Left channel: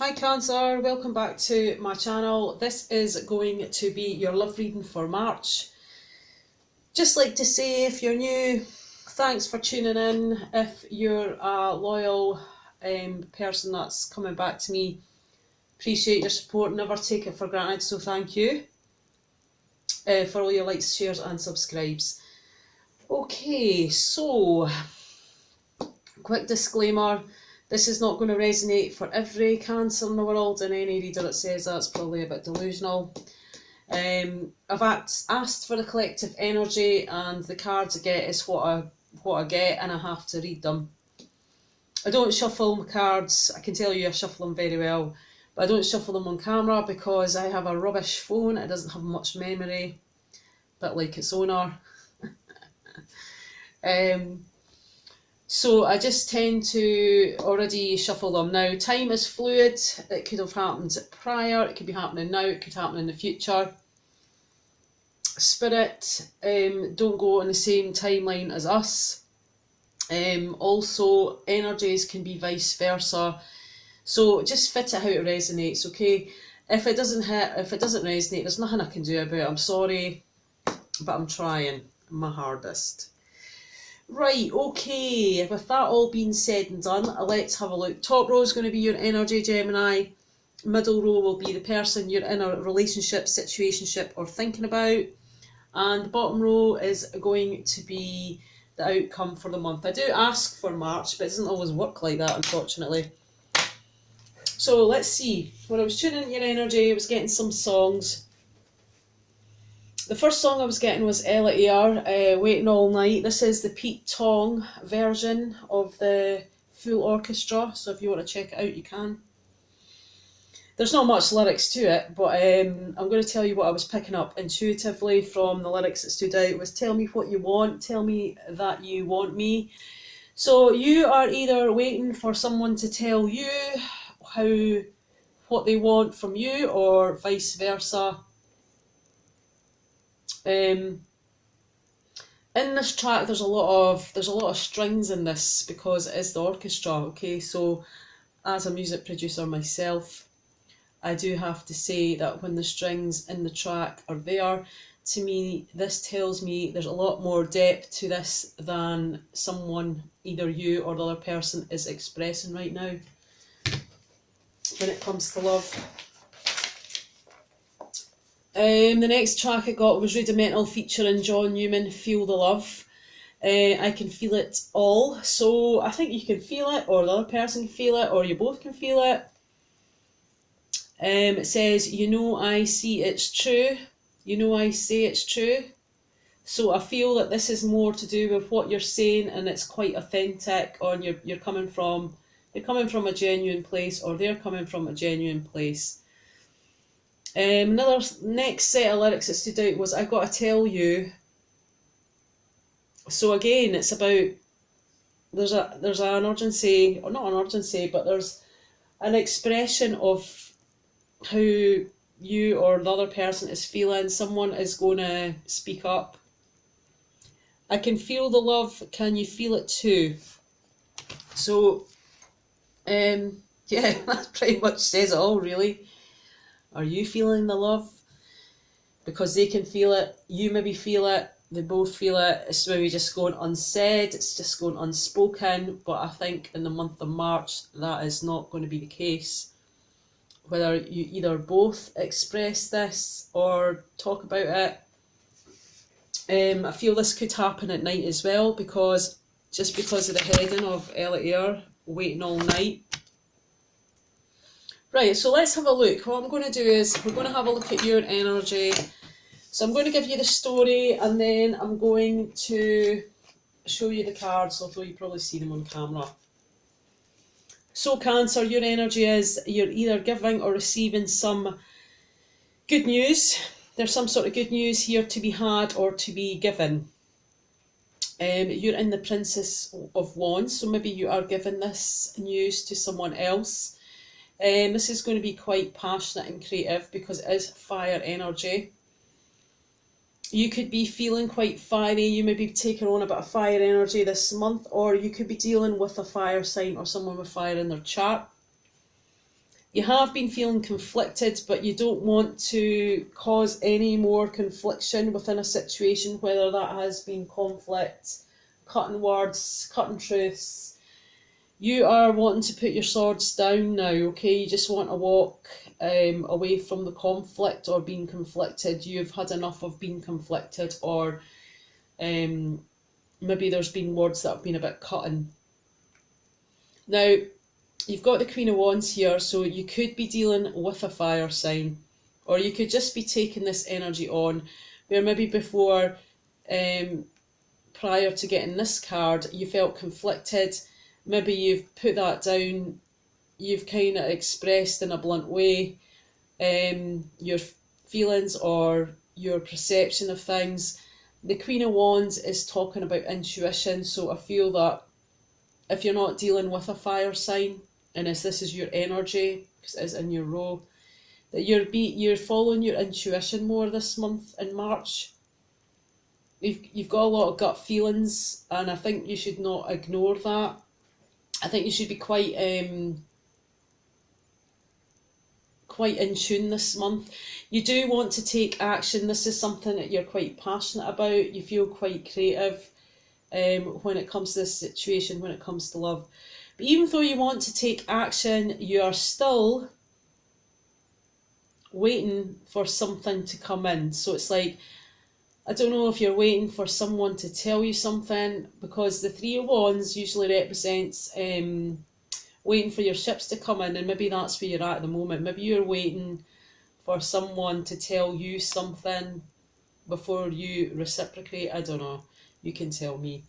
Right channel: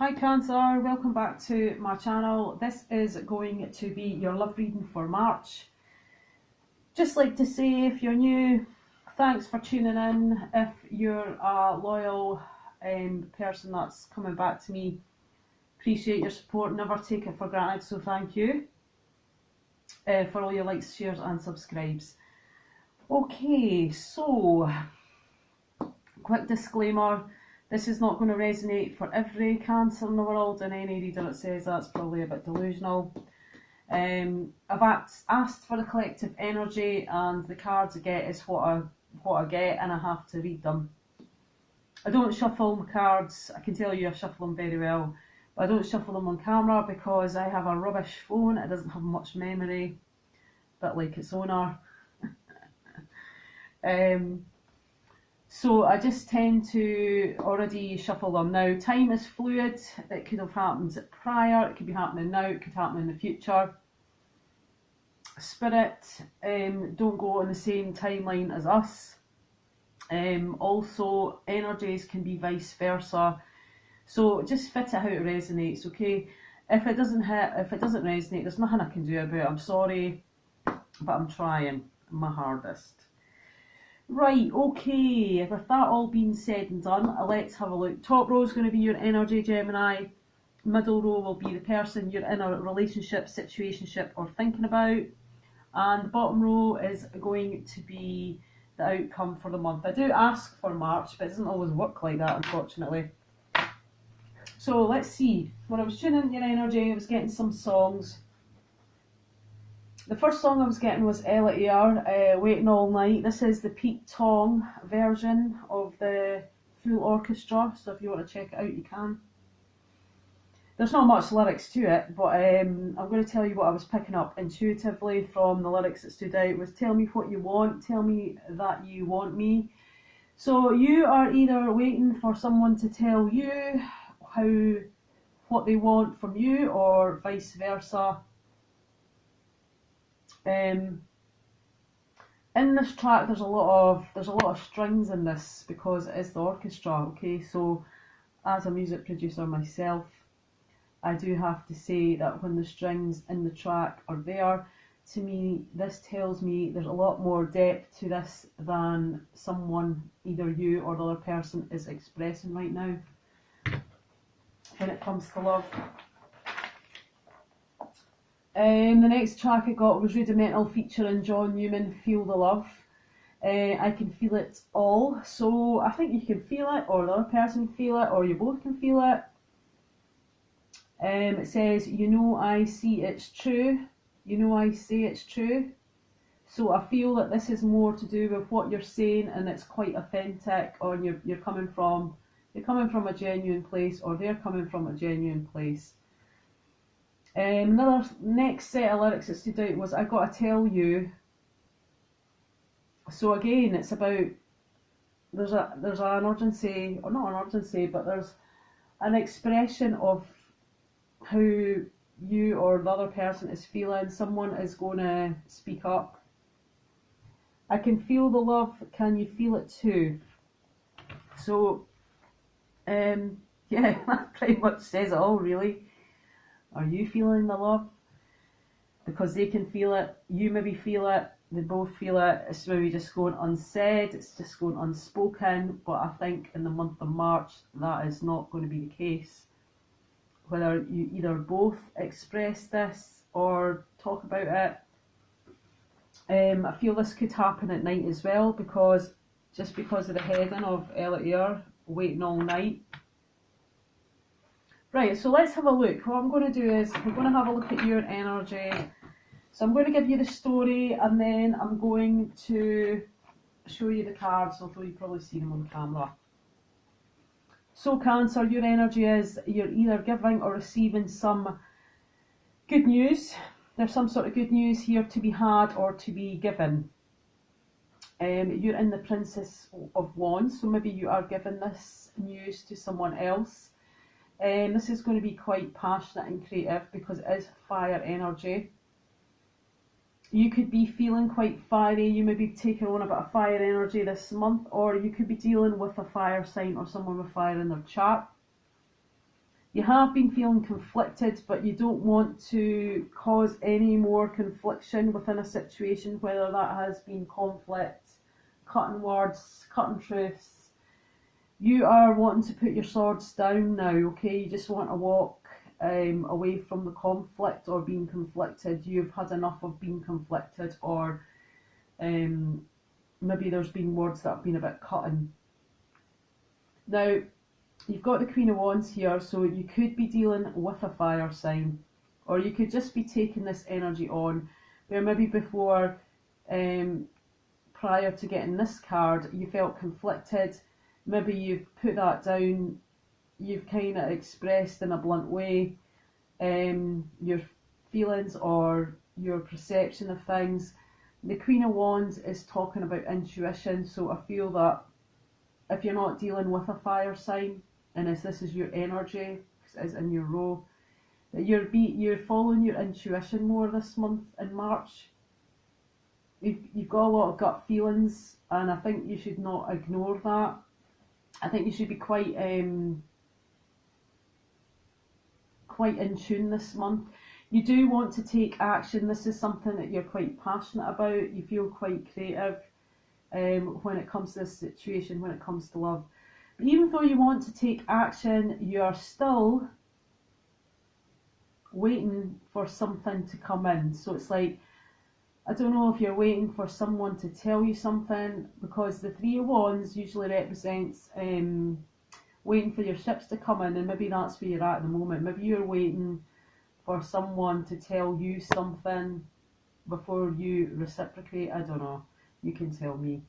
Hi Cancer, welcome back to my channel. This is going to be your love reading for March. Just like to say, if you're new, thanks for tuning in. If you're a loyal person that's coming back to me, appreciate your support, never take it for granted, so thank you for all your likes, shares and subscribes. Okay, so quick disclaimer. This is not going to resonate for every Cancer in the world, and any reader that says that's probably a bit delusional. I've asked for the collective energy, and the cards I get is what I get, and I have to read them. I don't shuffle my cards. I can tell you I shuffle them very well, but I don't shuffle them on camera because I have a rubbish phone. It doesn't have much memory, a bit like its owner. So I just tend to already shuffle them. Now, time is fluid. It could have happened prior, it could be happening now, it could happen in the future. Spirit don't go on the same timeline as us. Also, energies can be vice versa. So just fit it how it resonates, okay? If it doesn't resonate, there's nothing I can do about it. I'm sorry, but I'm trying my hardest. Right, okay, with that all being said and done, let's have a look. Top row is going to be your energy, Gemini. Middle row will be the person you're in a relationship, situationship or thinking about. And the bottom row is going to be the outcome for the month. I do ask for March, but it doesn't always work like that, unfortunately. So let's see. When I was tuning in your energy, I was getting some songs. The first song I was getting was Ella Eyre, Waiting All Night. This is the Pete Tong version of the full orchestra, so if you want to check it out, you can. There's not much lyrics to it, but I'm going to tell you what I was picking up intuitively from the lyrics that stood out. Was tell me what you want, tell me that you want me. So you are either waiting for someone to tell you what they want from you, or vice versa. In this track there's a lot of strings in this because it is the orchestra, okay? So as a music producer myself, I do have to say that when the strings in the track are there, to me this tells me there's a lot more depth to this than someone, either you or the other person, is expressing right now when it comes to love. The next track I got was Rudimental featuring John Newman, Feel the Love. I can feel it all. So I think you can feel it, or the other person can feel it, or you both can feel it. It says, you know I see it's true. You know I say it's true. So I feel that this is more to do with what you're saying, and it's quite authentic, or you're coming from a genuine place, or they're coming from a genuine place. Another next set of lyrics that stood out was I Gotta Tell You. So again, it's about there's an urgency, or not an urgency, but there's an expression of how you or the other person is feeling. Someone is going to speak up. I can feel the love, can you feel it too? So yeah, that pretty much says it all, really. Are you feeling the love? Because they can feel it, you maybe feel it, they both feel it. It's maybe just going unsaid, it's just going unspoken, but I think in the month of March that is not going to be the case. Whether you either both express this or talk about it. I feel this could happen at night as well, because of the heading of Ella Eyre, Waiting All Night. Right, so let's have a look. What I'm going to do is we're going to have a look at your energy. So I'm going to give you the story, and then I'm going to show you the cards, although you probably see them on camera. So Cancer, your energy is you're either giving or receiving some good news. There's some sort of good news here to be had or to be given. You're in the Princess of Wands, so maybe you are giving this news to someone else. This is going to be quite passionate and creative because it is fire energy. You could be feeling quite fiery, you may be taking on a bit of fire energy this month, or you could be dealing with a fire sign or someone with fire in their chart. You have been feeling conflicted, but you don't want to cause any more confliction within a situation, whether that has been conflict, cutting words, cutting truths. You are wanting to put your swords down now, okay? You just want to walk away from the conflict or being conflicted. You've had enough of being conflicted, or maybe there's been words that have been a bit cutting. Now, you've got the Queen of Wands here, so you could be dealing with a fire sign, or you could just be taking this energy on, where maybe before, prior to getting this card, you felt conflicted. Maybe you've put that down, you've kind of expressed in a blunt way your feelings or your perception of things. The Queen of Wands is talking about intuition, so I feel that if you're not dealing with a fire sign, and as this is your energy, because it is in your row, that you're following your intuition more this month in March. You've got a lot of gut feelings, and I think you should not ignore that. I think you should be quite in tune this month. You do want to take action. This is something that you're quite passionate about. You feel quite creative when it comes to this situation, when it comes to love. But even though you want to take action, you are still waiting for something to come in. So it's like, I don't know if you're waiting for someone to tell you something, because the Three of Wands usually represents waiting for your ships to come in, and maybe that's where you're at the moment. Maybe you're waiting for someone to tell you something before you reciprocate. I don't know. You can tell me.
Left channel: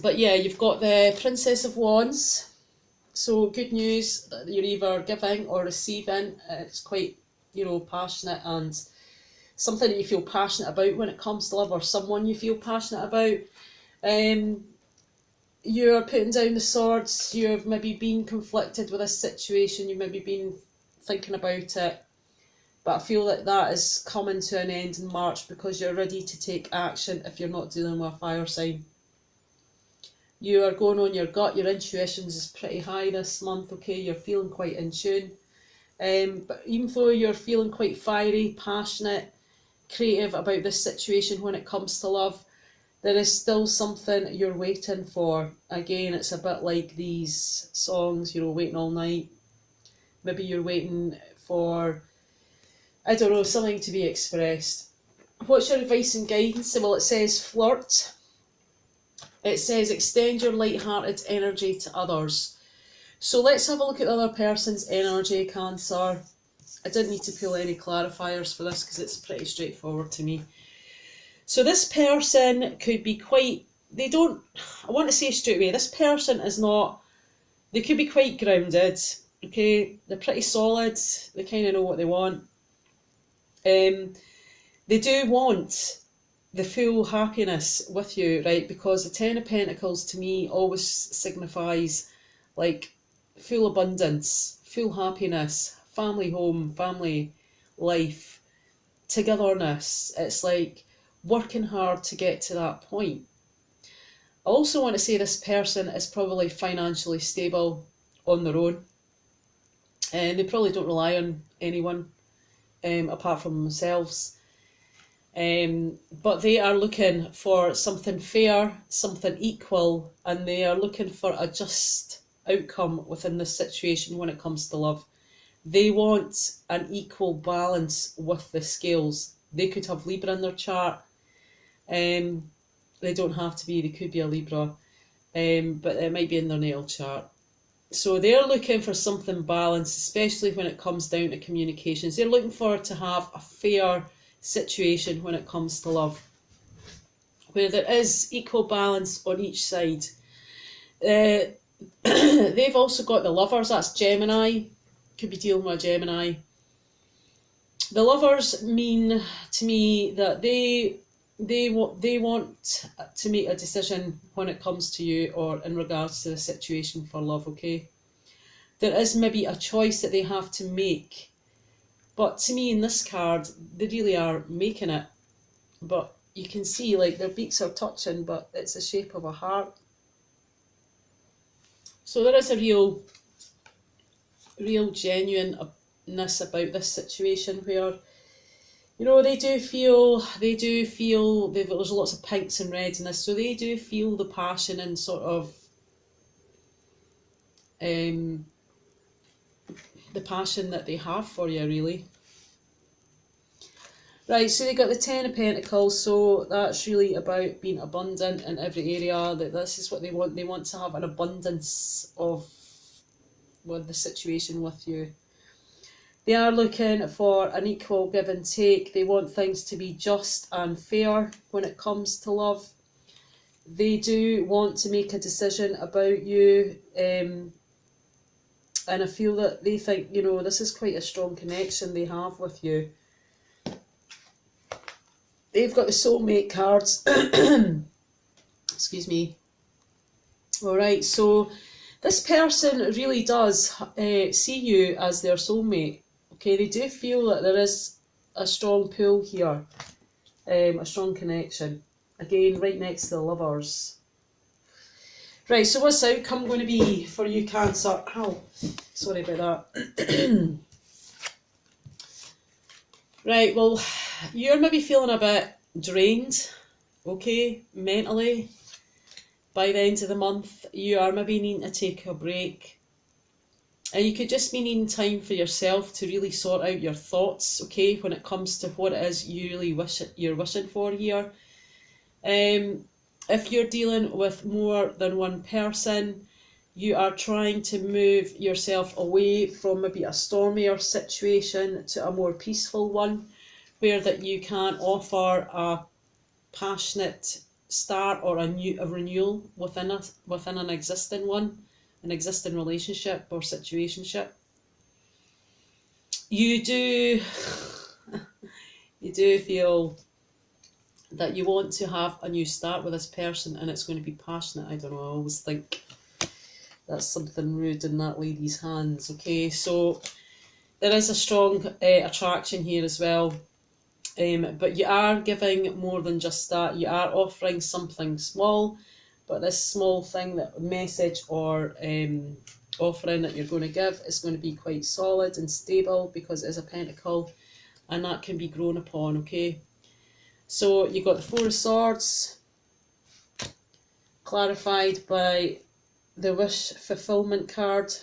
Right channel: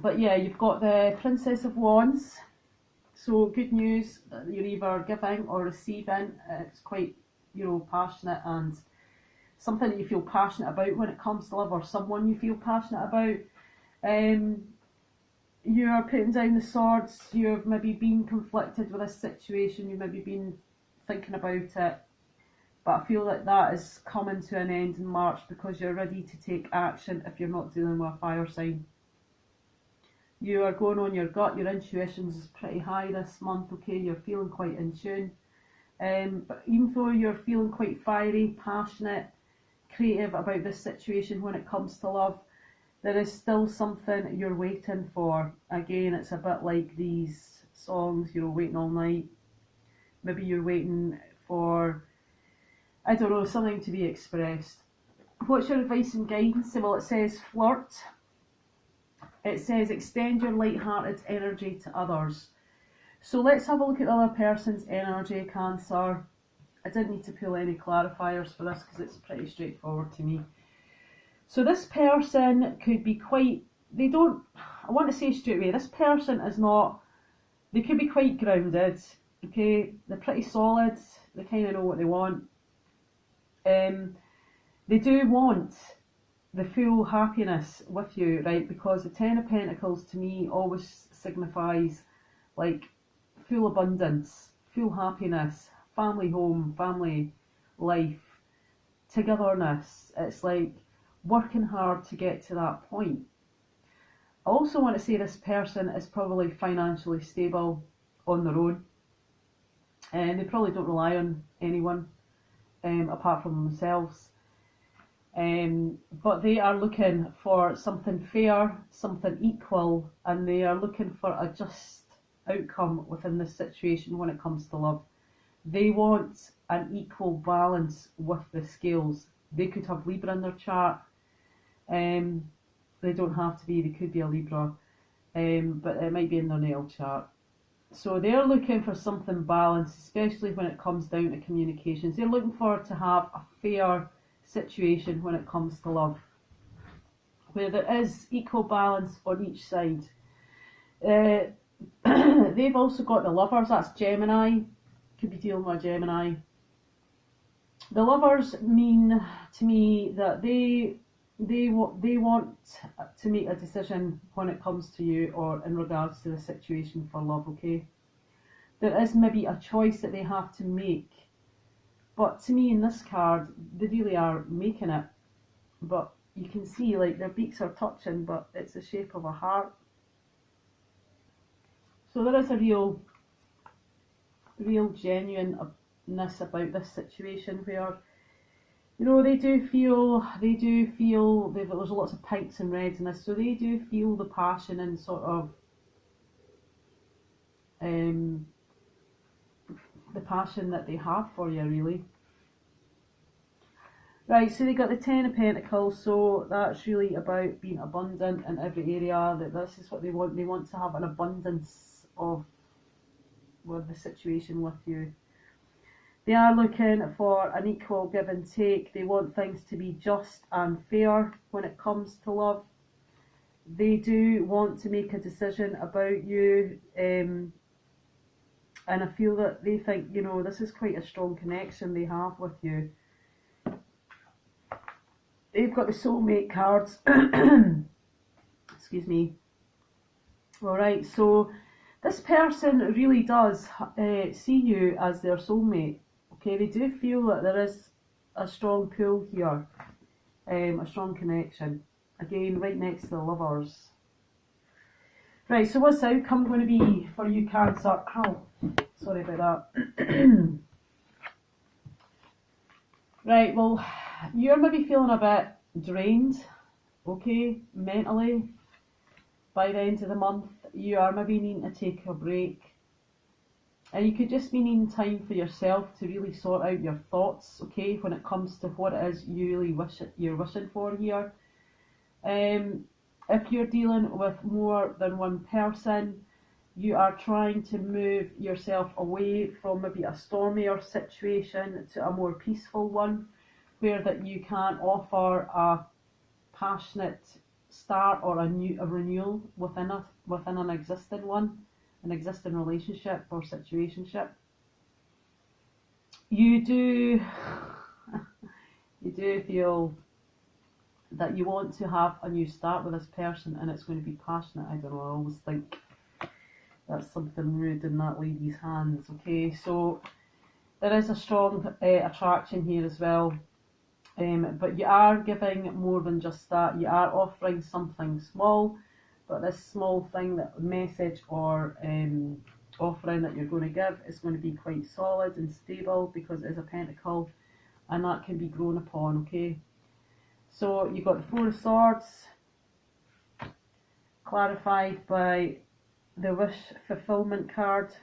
But yeah, you've got the Princess of Wands. So good news that you're either giving or receiving. It's quite, passionate, and something that you feel passionate about when it comes to love, or someone you feel passionate about. You're putting down the swords. You've maybe been conflicted with a situation. You've maybe been thinking about it. But I feel like that is coming to an end in March, because you're ready to take action if you're not dealing with a fire sign. You are going on your gut. Your intuitions is pretty high this month, okay? You're feeling quite in tune. But even though you're feeling quite fiery, passionate, creative about this situation when it comes to love, there is still something you're waiting for. Again, it's a bit like these songs, waiting all night. Maybe you're waiting for, I don't know, something to be expressed. What's your advice and guidance? Well, it says flirt. It says extend your light-hearted energy to others. So let's have a look at the other person's energy, Cancer. I didn't need to pull any clarifiers for this because it's pretty straightforward to me. So this person could be quite, I want to say straight away, this person is not, they could be quite grounded, okay? They're pretty solid, they kind of know what they want. They do want the full happiness with you, right? Because the Ten of Pentacles to me always signifies like full abundance, full happiness, family home, family life, togetherness. It's like working hard to get to that point. I also want to say this person is probably financially stable on their own, and they probably don't rely on anyone apart from themselves. But they are looking for something fair, something equal, and they are looking for a just outcome within this situation when it comes to love. They want an equal balance with the scales. They could have Libra in their chart. They don't have to be, they could be a Libra, but it might be in their natal chart. So they're looking for something balanced, especially when it comes down to communications. They're looking for to have a fair situation when it comes to love, where there is equal balance on each side. They've also got the Lovers, that's Gemini, could be dealing with a Gemini. The Lovers mean to me that they want to make a decision when it comes to you or in regards to the situation for love, okay? There is maybe a choice that they have to make. But to me, in this card, they really are making it. But you can see, like, their beaks are touching, but it's the shape of a heart. So there is a real real genuineness about this situation where, you know, they do feel there's lots of pinks and reds in this, so they do feel the passion and sort of the passion that they have for you, really. Right, so they got the Ten of Pentacles, so that's really about being abundant in every area. That this is what they want. They want to have an abundance of the situation with you. They are looking for an equal give and take. They want things to be just and fair when it comes to love. They do want to make a decision about you, and I feel that they think, you know, this is quite a strong connection they have with you. They've got the soulmate cards. Excuse me. Alright, so this person really does see you as their soulmate. Okay, they do feel that there is a strong pull here, a strong connection. Again, right next to the Lovers. Right, so what's the outcome going to be for you, Cancer? Ow, sorry about that. Right, well, you're maybe feeling a bit drained, okay, mentally. By the end of the month, you are maybe needing to take a break. And you could just be needing time for yourself to really sort out your thoughts, okay, when it comes to what it is you really you're wishing for here. If you're dealing with more than one person, you are trying to move yourself away from maybe a stormier situation to a more peaceful one, where that you can offer a passionate start or a renewal within an existing one, an existing relationship or situationship. You do feel that you want to have a new start with this person, and it's going to be passionate. I don't know, I always think that's something rude in that lady's hands. Okay, so there is a strong attraction here as well. But you are giving more than just that. You are offering something small, but this small thing, that message or offering that you're going to give is going to be quite solid and stable, because it is a pentacle, and that can be grown upon, okay? So you've got the Four of Swords, clarified by the wish fulfillment card.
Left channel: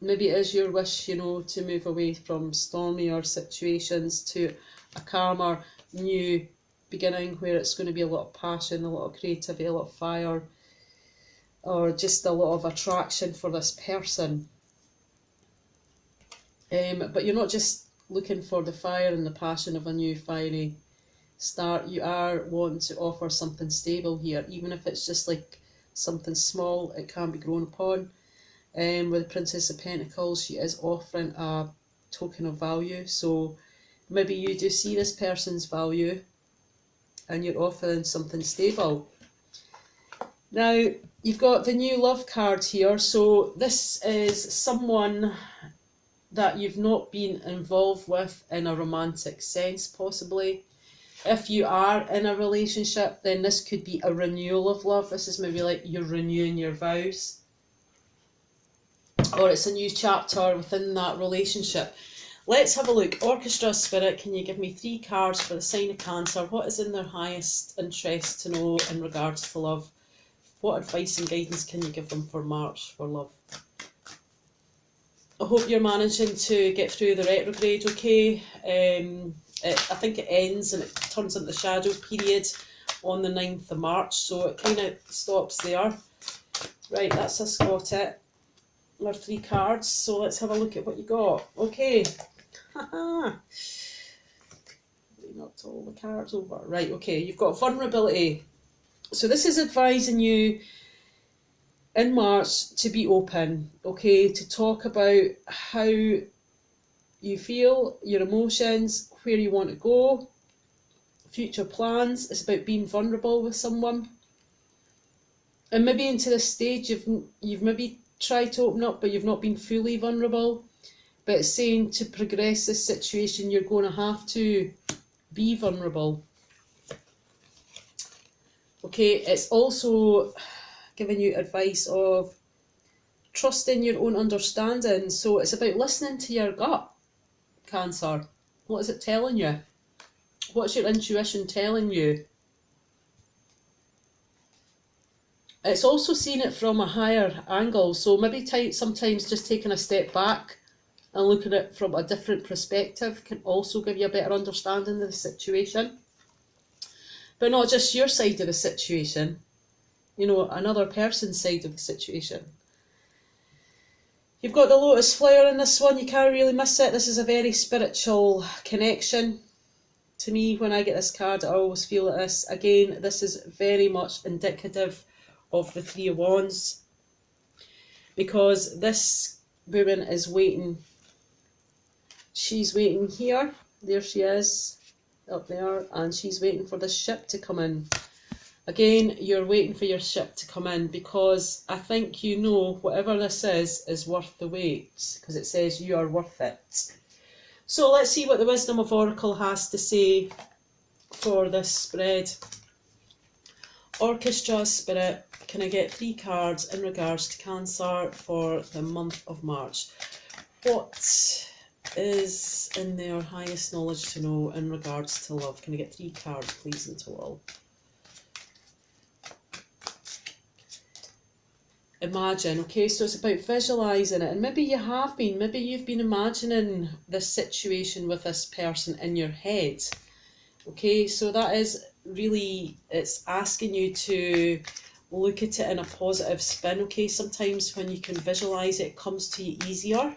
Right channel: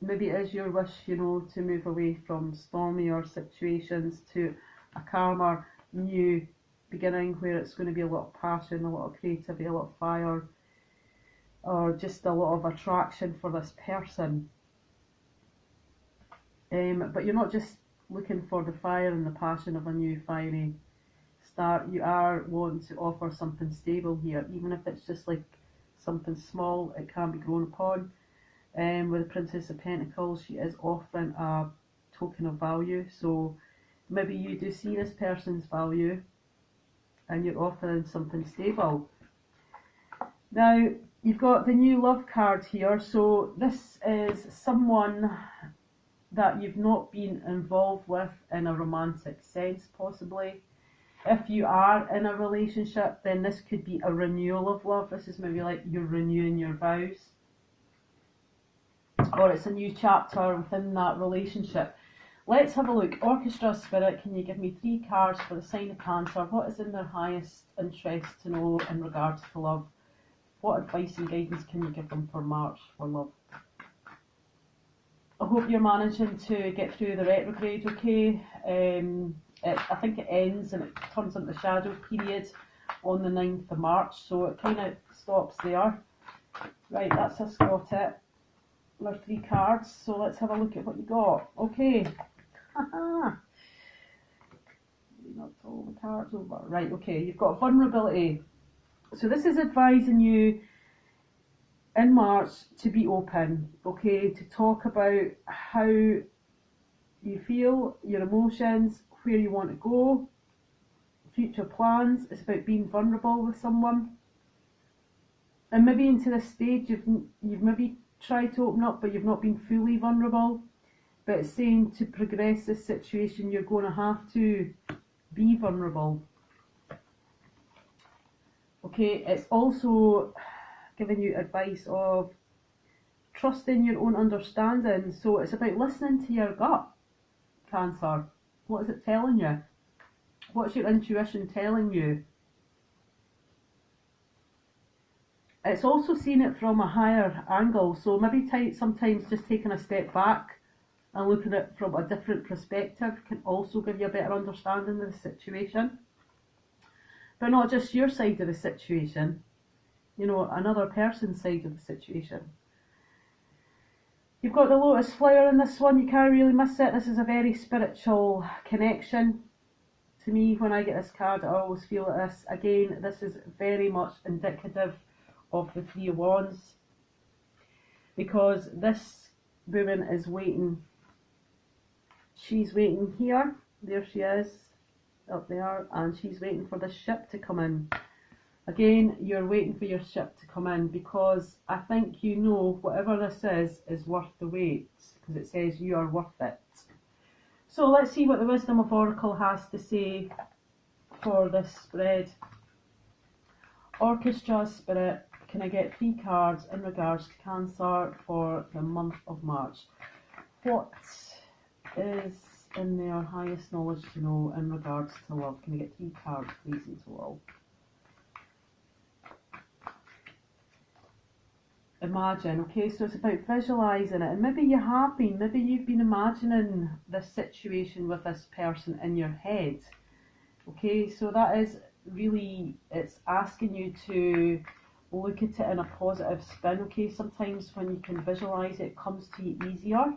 Maybe it is your wish, you know, to move away from stormier situations to a calmer, new beginning, where it's going to be a lot of passion, a lot of creativity, a lot of fire, or just a lot of attraction for this person. But you're not just looking for the fire and the passion of a new fiery start. You are wanting to offer something stable here, even if it's just like something small. It can be grown upon. With the Princess of Pentacles, she is offering a token of value, so maybe you do see this person's value and you're offering something stable. Now, you've got the new love card here, so this is someone that you've not been involved with in a romantic sense, possibly. If you are in a relationship, then this could be a renewal of love. This is maybe like you're renewing your vows, or it's a new chapter within that relationship. Let's have a look. Orchestra Spirit, can you give me 3 cards for the sign of Cancer? What is in their highest interest to know in regards to love? What advice and guidance can you give them for March for love? I hope you're managing to get through the retrograde okay. I think it ends and it turns into the shadow period on the 9th of March, so it kind of stops there. Right, that's us got it. Our 3 cards, so let's have a look at what you got. Okay. Haha. We knocked all the cards over. Right, okay, you've got vulnerability. So this is advising you in March to be open, okay, to talk about how you feel, your emotions, where you want to go, future plans. It's about being vulnerable with someone. And maybe into this stage you've maybe tried to open up, but you've not been fully vulnerable. But it's saying to progress this situation, you're going to have to be vulnerable. Okay, it's also giving you advice of trusting your own understanding. So it's about listening to your gut, Cancer. What is it telling you? What's your intuition telling you? It's also seeing it from a higher angle. So maybe sometimes just taking a step back and looking at it from a different perspective can also give you a better understanding of the situation. But not just your side of the situation, you know, another person's side of the situation. You've got the lotus flower in this one, you can't really miss it. This is a very spiritual connection. To me, when I get this card, I always feel like this. Again, this is very much indicative of the Three of Wands, because this woman is waiting. She's waiting here. There she is, up there, and she's waiting for this ship to come in. Again, you're waiting for your ship to come in, because I think you know whatever this is worth the wait, because it says you are worth it. So let's see what the Wisdom of Oracle has to say for this spread. Orchestra Spirit, can I get 3 cards in regards to Cancer for the month of March? What is in their highest knowledge to know in regards to love? Can I get 3 cards, please, in total? Imagine, okay, so it's about visualising it, and maybe you have been, maybe you've been imagining this situation with this person in your head, okay, so that is really, it's asking you to look at it in a positive spin, okay, sometimes when you can visualise it, it comes to you easier.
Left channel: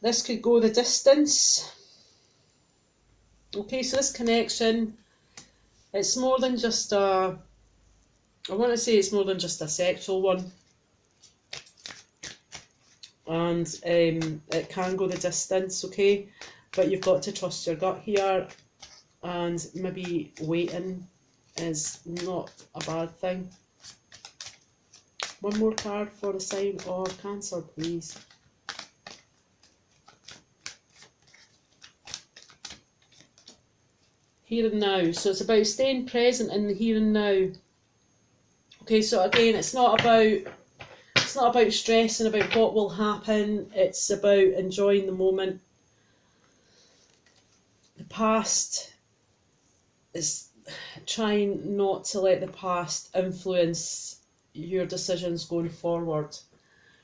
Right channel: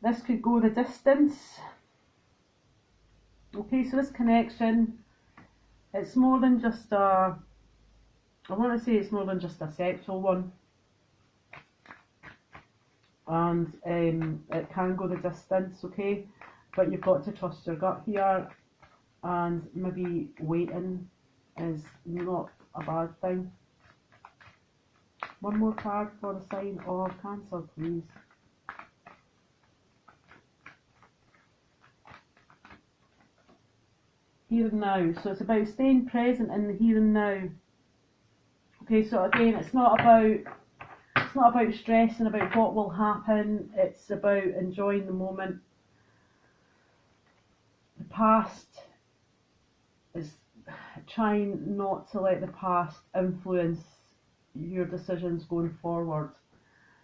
This could go the distance. Okay, so this connection, it's more than just a, I want to say it's more than just a sexual one. And it can go the distance, okay? But you've got to trust your gut here, and maybe waiting is not a bad thing. One more card for the sign of Cancer, please. Here and now. So it's about staying present in the here and now. Okay, so again, it's not about stressing about what will happen. It's about enjoying the moment. The past is trying not to let the past influence your decisions going forward.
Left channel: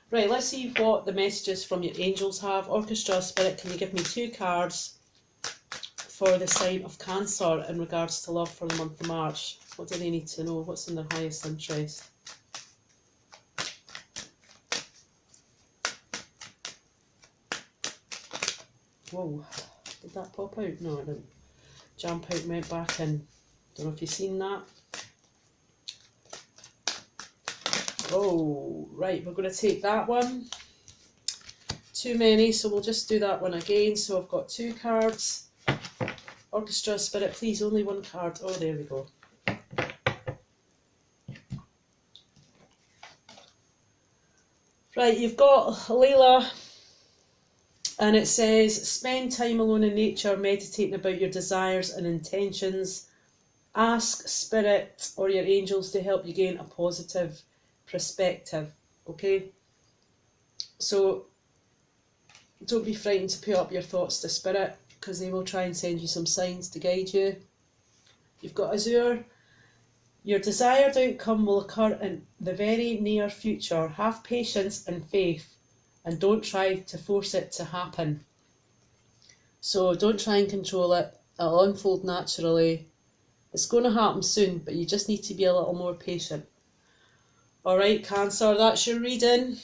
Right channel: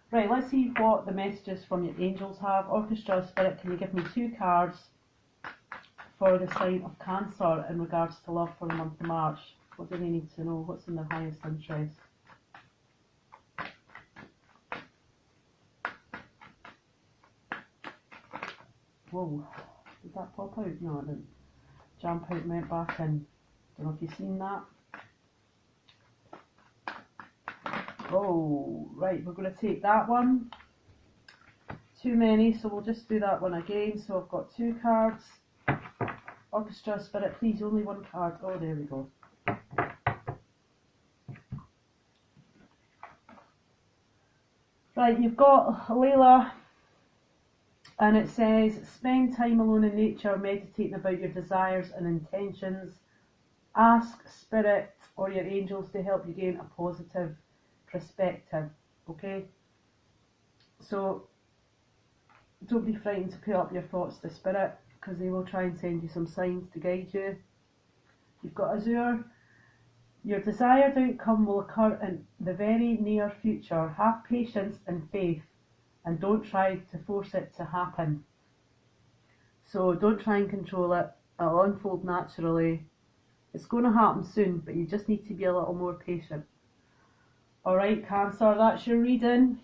Right, let's see what the messages from your angels have. Orchestra Spirit, can you give me 2 cards for the sign of Cancer in regards to love for the month of March? What do they need to know? What's in their highest interest? Whoa, did that pop out? No, it didn't. Jump out and went back in. Don't know if you've seen that. Oh, right, we're going to take that one. Too many, so we'll just do that one again. So I've got 2 cards. Orchestra Spirit, please, only 1 card. Oh, there we go. Right, you've got Layla, and it says, spend time alone in nature, meditating about your desires and intentions. Ask Spirit or your angels to help you gain a positive perspective, okay? So don't be frightened to put up your thoughts to Spirit, because they will try and send you some signs to guide you. You've got Azure. Your desired outcome will occur in the very near future. Have patience and faith, and don't try to force it to happen. So don't try and control it. It'll unfold naturally. It's going to happen soon, but you just need to be a little more patient. Alright, Cancer, that's your reading.